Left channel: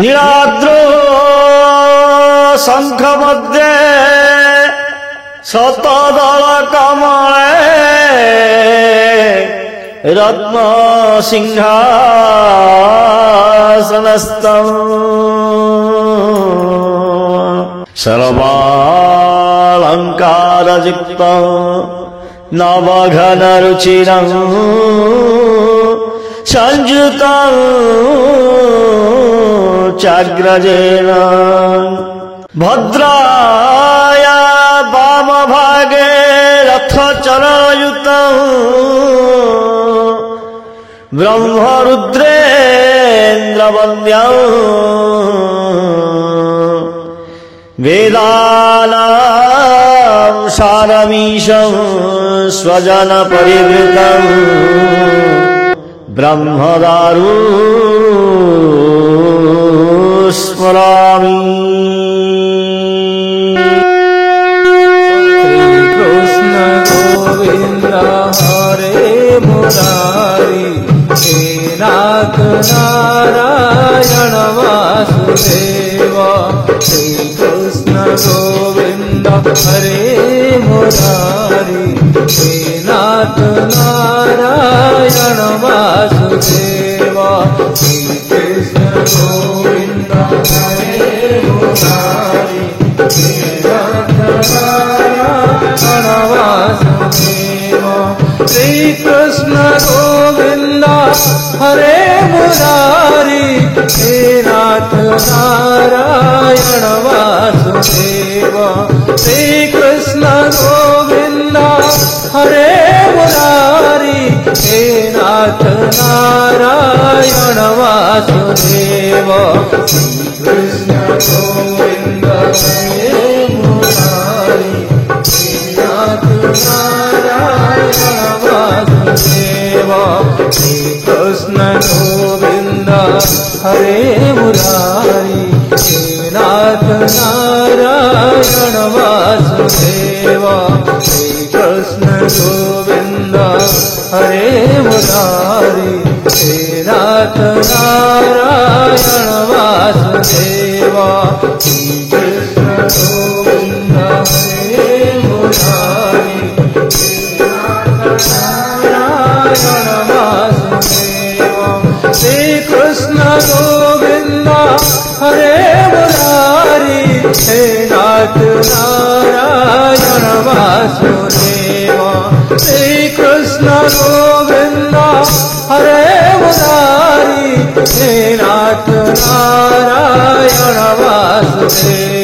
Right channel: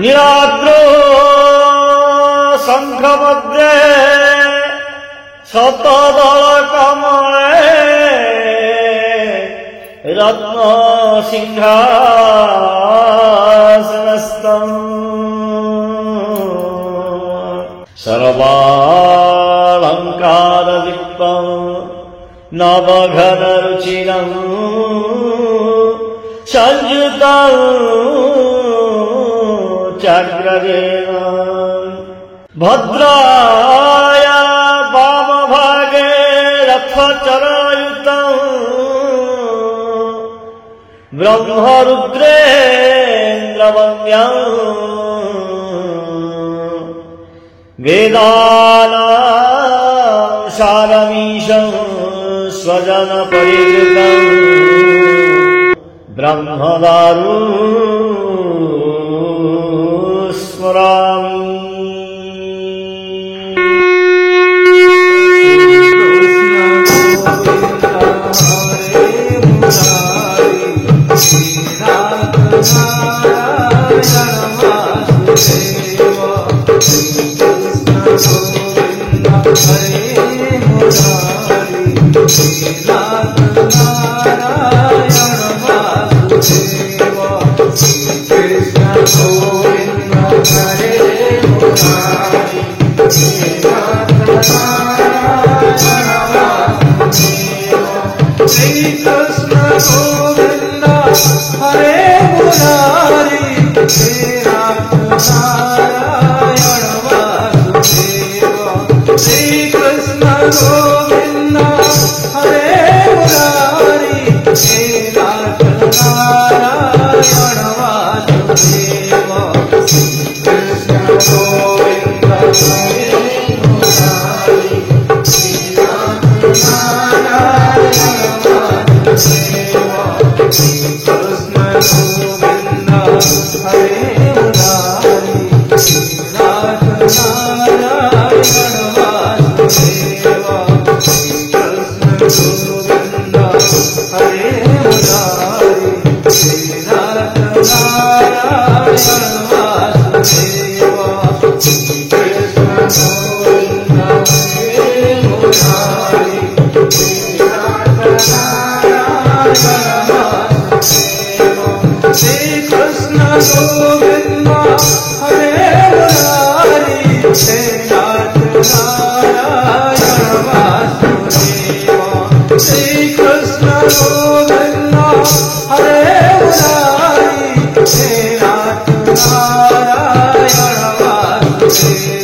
नीलाद्रो शंख मध्ये शतदल कमले रत्न सिंहासनस्थम् सर्वालंकारयुक्तं नवघनरुचिरं संयुतं चाग्रजेन भद्राया वामभागे रथचरायुतं ब्रह्मरुद्रेन्द्रवन्द्यं वेदानां सारमीशं स्वजनपरिवृतं ब्रह्मदारु स्मरामि। कृष्ण गोविंद हरे मुरारी हे नाथ नारायण वासुदेव। श्री कृष्ण गोविंद हरे मुरारी हे नाथ नारायण वासुदेव। श्री कृष्ण गोविंद हरे मुरारी हे नाथ नारायण वासुदेव। श्री कृष्ण गोविंद हरे मुरारी हे नाथ नारायण वासुदेव। श्री कृष्ण गोविंद हरे मुरारी हे नाथ नारायण वासुदेव। श्री कृष्ण गोविंद हरे मुरारी हे नाथ नारायण वासुदेव। श्री कृष्ण गोविंद हरे मुरारी हे नाथ नारायण वासुदेव। श्री कृष्ण गोविंद हरे मुरारी हे नाथ नारायण वासुदेव। श्री कृष्ण गोविंद हरे मुरारी हे नाथ नारायण वासुदेव। श्री कृष्ण गोविंद हरे मुरारी हे नाथ नारायण वासुदेव। श्री कृष्ण गोविंद हरे मुरारी हे नाथ नारायण वासुदेव।